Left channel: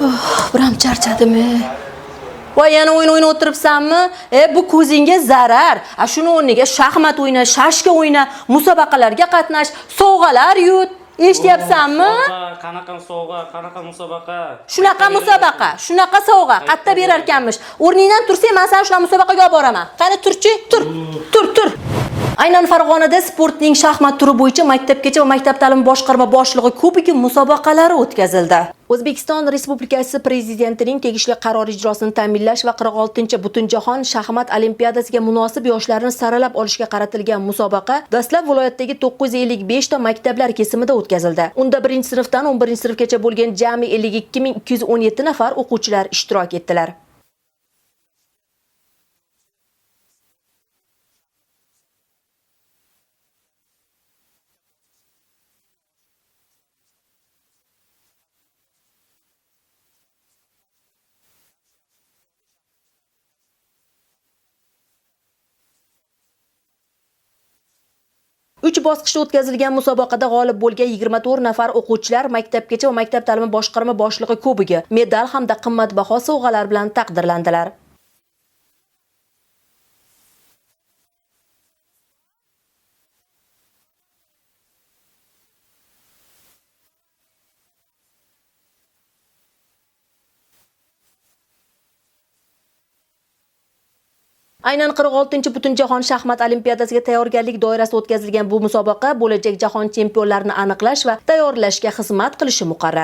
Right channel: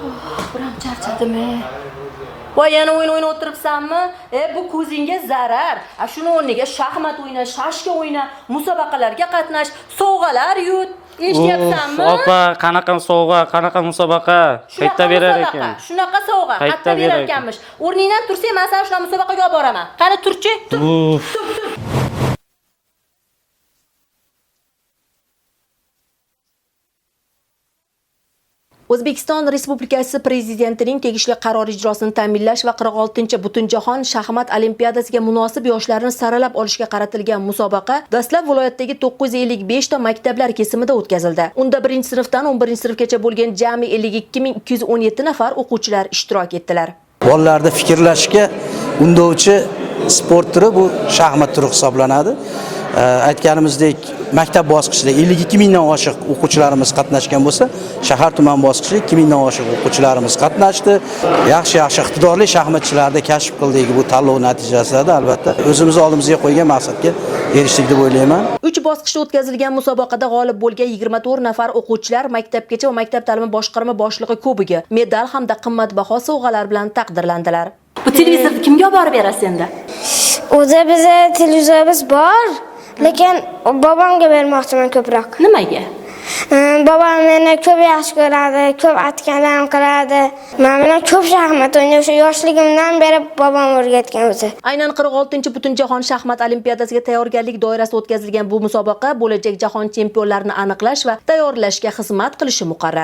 Biram charchadimi? Voy, yana o'yin o'tiribsanmi? Bu ko'zingga zarar. Shuni o'rniga shaxmat o'yna, shashka o'yna, musobaqalarga qatnash, sovg'alar yut. Eshityapsanmi? Opa, qanaqa sovg'a, qanaqa musobaqa? Shunaqa musobaqa, shunaqa sovg'a, qayerda berar ekanmish. O'rningdan tursang, men seni shunaqa musobaqaga olib boraman. Qani turchi? Tur. Aynan Farg'onada sportning shaxmat turi bo'yicha maktabgacha va maktab ta'limi boshqarma boshlig'i ko'pigi musobaqalari o'tkazildi. O'zbekiston Respublikasi Prezidentining tegishli qaror ijrosini ta'minlash va 46-Butunjahon shaxmat olimpiadasiga munosib yoshlarni saralab olishga qaratilgan musobaqa dastlab viloyatdagi 955 ta maktablar kesimida o'tkazildi. Unda 1-sinfdan 11-sinfgacha bo'lgan jami 52217 nafar o'quvchilar ishtirok etdilar. Bolalarda fikrlashga undovchi sport turi bu shaxmat turi hisoblanadi. Aytganimizdek, maktab bosqichida 52 mingdan oshiq o'quvchilarimiz qatnashgan bo'lsa, shahar tuman bosqichida 2 mingdan oshiq o'quvchilarimiz qatnashdi. Yaxshi iqtidorli shaxmatchilarni kashf qildik bu tanlov natijasida, albatta o'zimiz oldimizga qo'ygan maqsadga erishdik deb o'ylayman. 3 bosqichda o'tkazilgan musobaqada g'olib bo'lgan 24 nafar o'quvchilar maktabgacha va maktab ta'limi boshqarma boshlig'i kubogi, medal hamda qimmatbaho sovg'alar bilan taqdirlandilar. Bu televizorni kimga olib borib berasiz endi? O'zi bizda televizorimiz bor, lekin bobomga bermoqchiman ko'proq. Nimaga? Bobom meni ko'p yaxshi ko'radi, ko'p aytganlarim qiladi. Men ko'p shaxmat o'ynashim o'sha yoshligimdan beri bobom o'rgatgan o'zi. Aynan 46-Butunjahon shaxmat olimpiadasiga tayyorgarlik doirasida o'tkazilgan bu musobaqa bo'lajak jahon chempionlarini aniqlash va tayyorlashga xizmat qilishi muqarrar.